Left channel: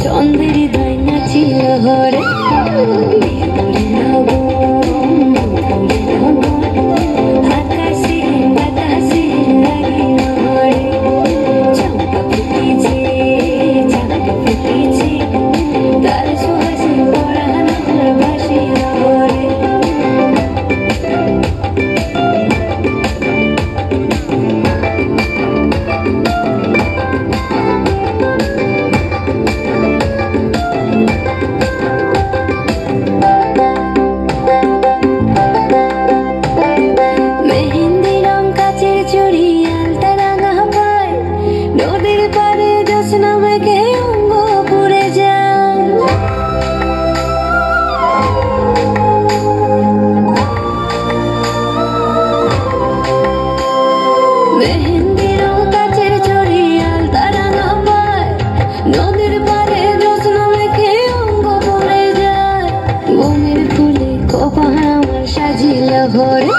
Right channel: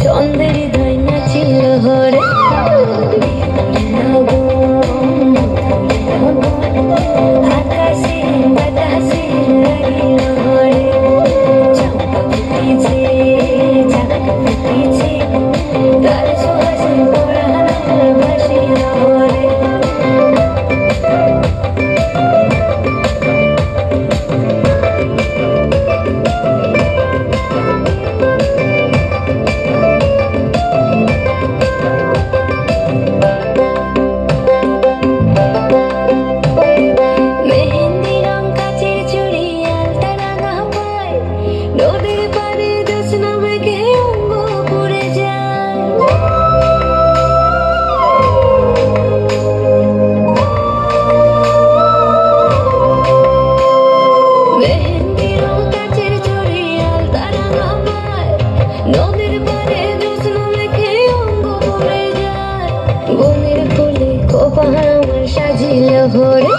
চন্দ্রের হৃদয় নাচিল হরে আকাশে বাতাসে লাগিল হরে চম্পা ফুটিছে চাঁদ ফুটিছে তার সুবাসে পরাণ ভাসিল হরে নদীর পারে জ্যোৎস্না মেঘে অঙ্গ পুড়ে যায় মেহেন্দি রং কাচের চুড়ি আলতা রাঙা পায় নদীর পারে জ্যোৎস্না মেঘে অঙ্গ পুড়ে যায় বনের ফুলে খোপা আমার সাজিল ঘরে